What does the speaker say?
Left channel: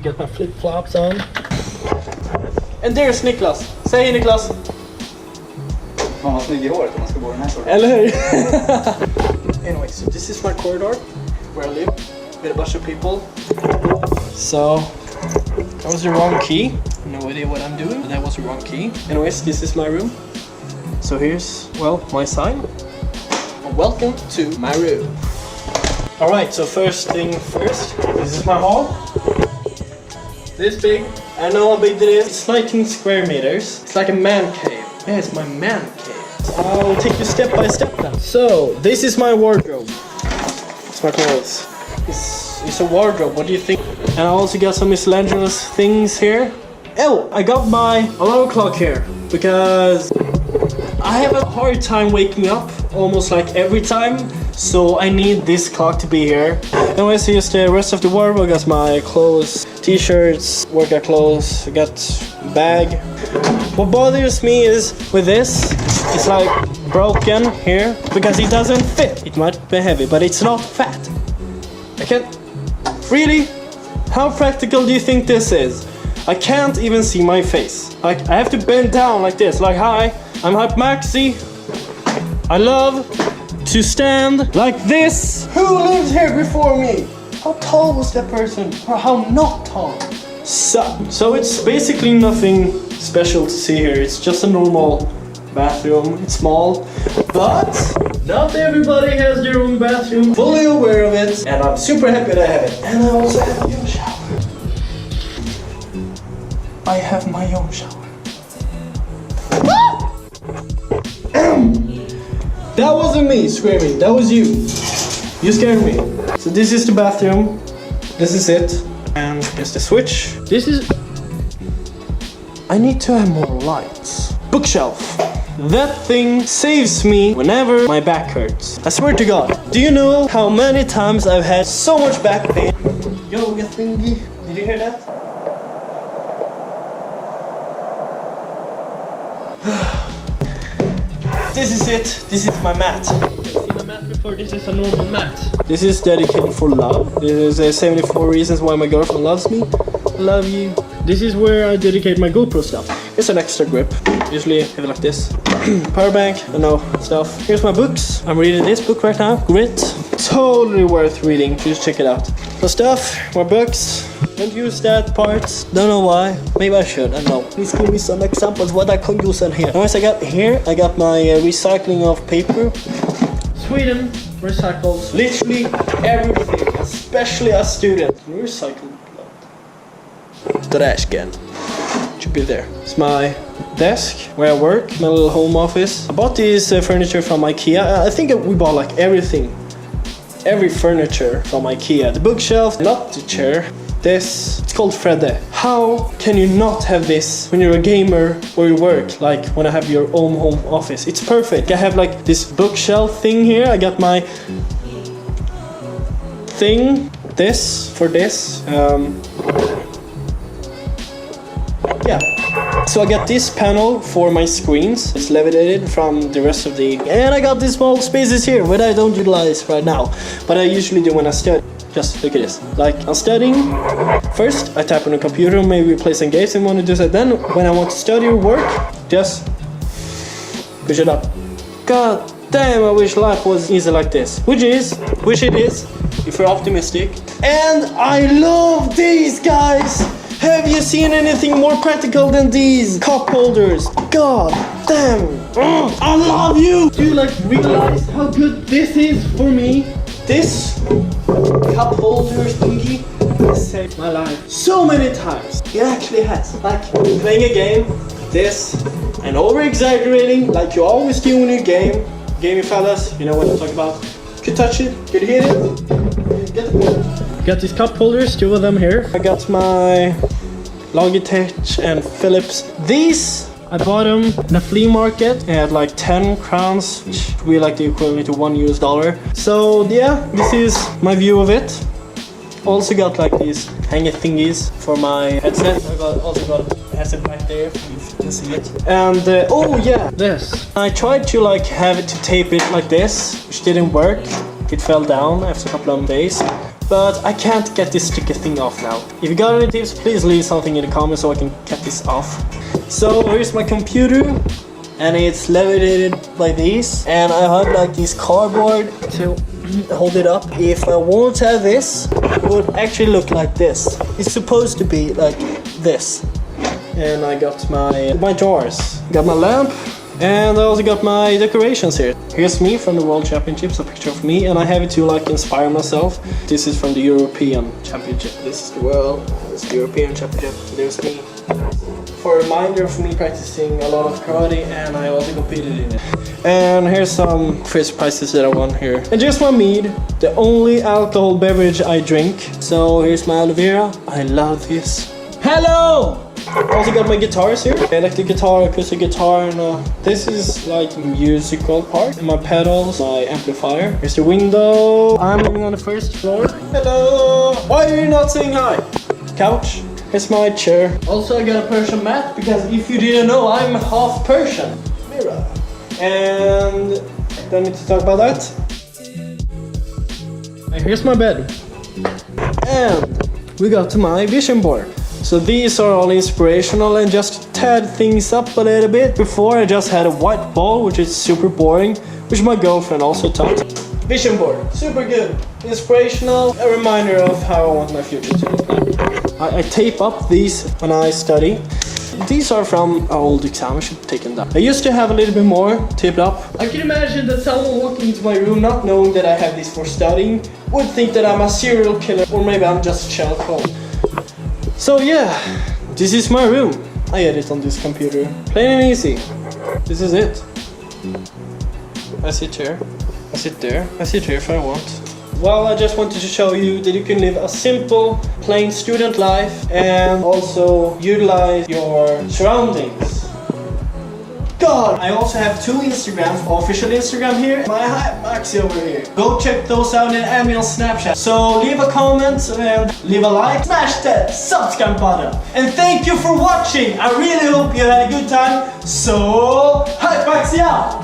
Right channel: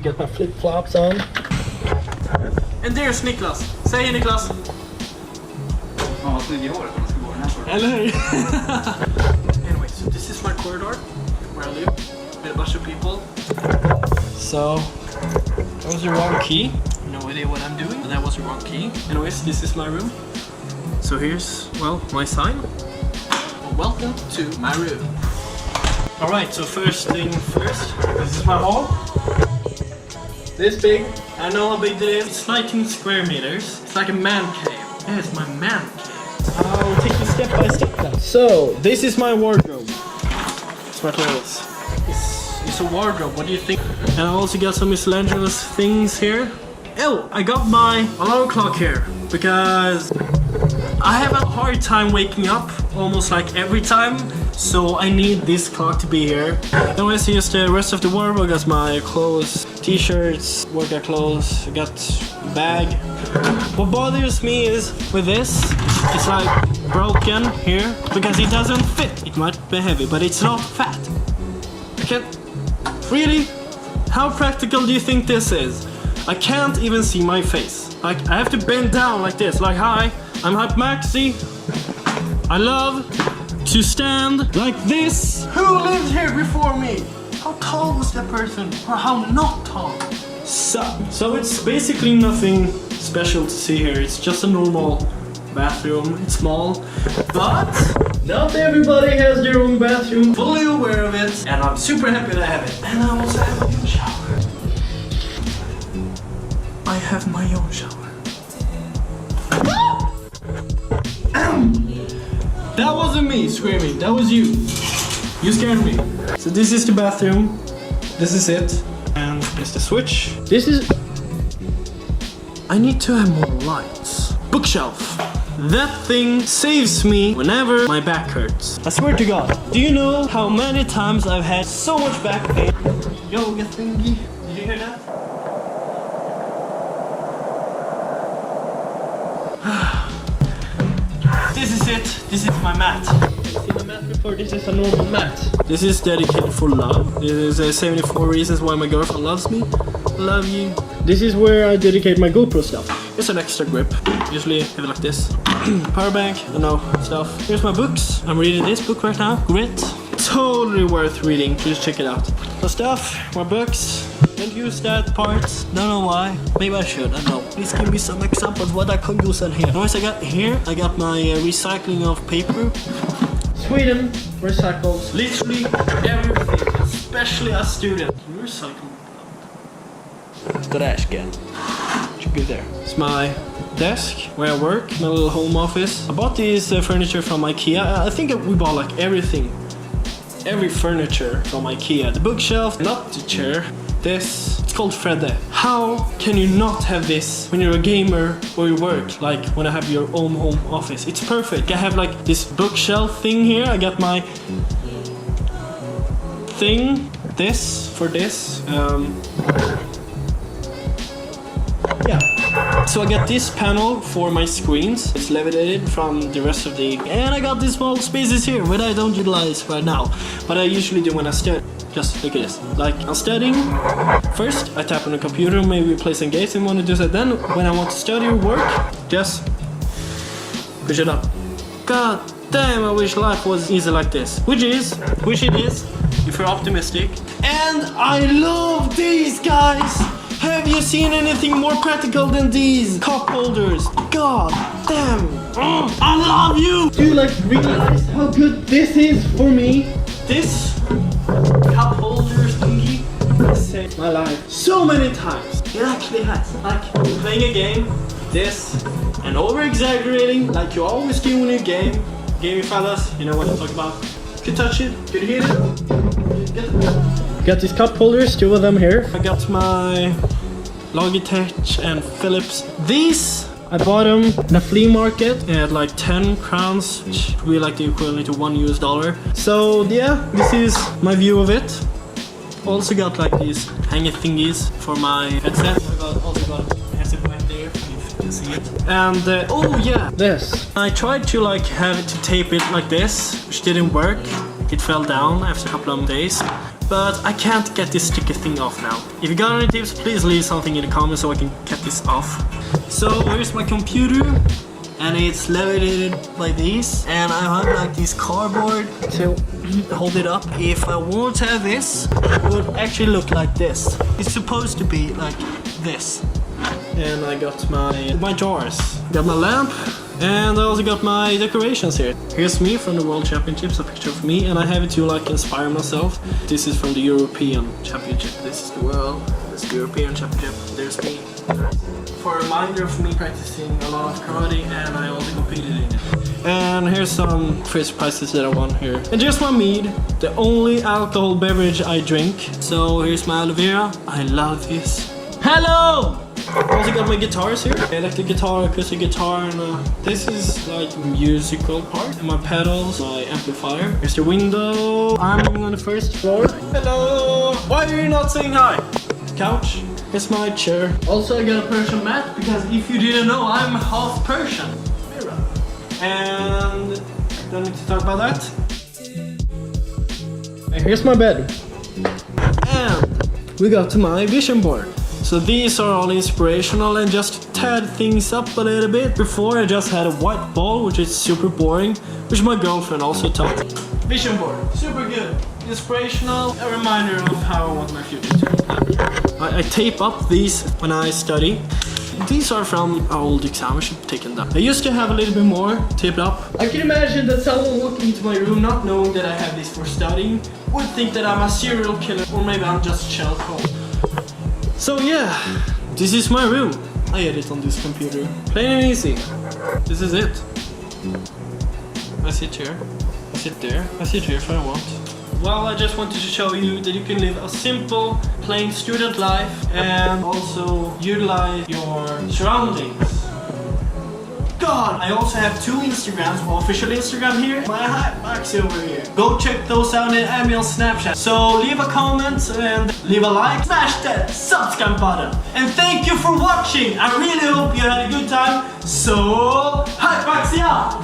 to get my flip-flops on. And there's Niklas. Say hey, Niklas. Man har snygg i håret om man ska bo den här korridoren. Eller hur? Anyway, so this is my corridor where I live with a bunch of people. So that was the wrong key. No idea what I'm doing. That was the wrong key. Anyways, this is my room. So here's, well, my sign. Welcome to my room. Alright, so first thing first, this is my hall. This big. I know how big it is. It's 19 square meters. It's like a man cave. Yeah, it's my man cave. I will take you step by step now. So, this is my wardrobe. It's my clothes. It's a wardrobe, what do you think? And I also got some miscellaneous things here. Oh, I got my alarm clock here because I have a hard time waking up almost like every time, so I need this clock to be here. Anyways, here's the rest of the wardrobe. I got my clothes, t-shirts, workout clothes, I got a bag. What bothers me is with this, it's like broken here because it doesn't fit. It might be heavy, but it's not fat. I can't... Really? How practical do you think this is? I can't even see my face. Like, I have to bend down like this, like, hi, I'm Hype Maxi. I love to stand like this. Who lived here before me? How tall was that person? Or how not tall? So it's basically nothing special to see here. It's just a normal bathroom. It's small, but not everybody has their own bathroom. Fully aware of it, and I'm super happy that I have it. And I also have my own shower. I have my own shower. That wasn't me screaming, that was you. You scared me. So this is the bathroom. This is it. And here's the switch. This is... I need to have more lights. Bookshelf. That thing saves me whenever my back hurts. I swear to God. Do you know how many times I've had so much back pain? Yoga thingy. Did you hear that? This is it. This is my mat. Have you seen my mat before? This is a normal mat. This is dedicated for love. This is 74 reasons why my girlfriend loves me. Love you. This is where I dedicate my GoPro stuff. It's an extra grip. Usually have it like this. Power bank, stuff. Here's my books. I'm reading this book right now. Grit. Totally worth reading. Just check it out. So stuff, more books. Don't use that part. Don't know why. Maybe I should. I don't know. Please give me some examples what I can use in here. Anyways, I got here. I got my recycling of paper. Sweden recycles literally everything, especially a student. You recycle a lot. Trash can. Should be there. It's my desk where I work, my little home office. I bought this furniture from IKEA. I think we bought like everything. Every furniture from IKEA. The bookshelf, not the chair. This, it's called Fredde. How can you not have this when you're a gamer or you work? Like when I have your own home office. It's perfect. I have like this bookshelf thing here. I got my thing. This, for this. Yeah. So I got this panel for my screens. It's levitated from the rest of the... And I got these small spaces here, which I don't utilize right now. But I usually do when I study. Just look at this. Like, I'm studying. First, I tap on the computer, maybe play some games and want to do that. Then, when I want to study or work, just push it up. God damn, I wish life was easy like this. Which it is, if you're optimistic. And I love these guys! Have you seen anything more practical than these cup holders? God damn! I love you! Do you like realize how good this is for me? This cup holder thingy has saved my life so many times. It actually has. Like playing a game, this, and over exaggerating like you always do when you game. Gaming fellas, you know what I'm talking about. Could touch it, could hit it. Got these cup holders, 2 of them here. I got my Logitech and Philips. These I bought them in a flea market at like 10 crowns, which would be like the equivalent to $1. So yeah, this is my view of it. Also got like these hanger thingies for my headset. I also got a headset right there, if you can see it. And oh yeah, this. I tried to like have it to tape it like this, which didn't work. It fell down after a couple of days. but I can't get this sticker thing off now. If you got any tips, please leave something in the comments so I can get this off. So here's my computer, and it's levitated by these, and I have like this cardboard to hold it up. If I won't have this, it would actually look like this. It's supposed to be like this. And I got my jars, got my lamp, and I also got my decorations here. Here's me from the World Championships, a picture of me, and I have it to like inspire myself. This is from the European Championship. This is the World, this is the European Championship. There's me. For a reminder of me practicing a lot of karate, and I also competed in it. And here's some first prizes that I won here. And just my mead, the only alcohol beverage I drink. So here's my aloe vera. I love this. Hello! I also got my guitars here. Electric guitar, acoustic guitar, and this is like musical part. And my pedals, my amplifier. Here's the window. I'm living on the first floor. Hello! Why are you not saying hi? Couch. Here's my chair. Also I got a Persian mat, because if you didn't know, I'm half Persian. Mirror. And I don't need to talk about that. And here's my bed. And we got to my vision board. So these are all inspirational, and just tad things up a little bit. Before I just had a white ball, which is super boring, which my girlfriend also taught. Vision board, super good, inspirational, a reminder of how I want my future to look like. I tape up these when I study. These are from our old exam, I should have taken that. I used to have a little bit more taped up. I can imagine that someone walking into my room not knowing that I have this for studying would think that I'm a serial killer, or maybe I'm just shell code. So yeah, this is my room. I edit on this computer, plain and easy. This is it. I sit here, I sit there, I sit here if I want. Well, I just wanted to show you that you can live a simple, plain student life and also utilize your surroundings. God! I also have 2 Instagrams, official Instagram here, my Maxi over here. Go check those out, and add me on Snapchat. So leave a comment and leave a like. Smash that subscribe button. And thank you for watching. I really hope you had a good time. So, hi Maxi out!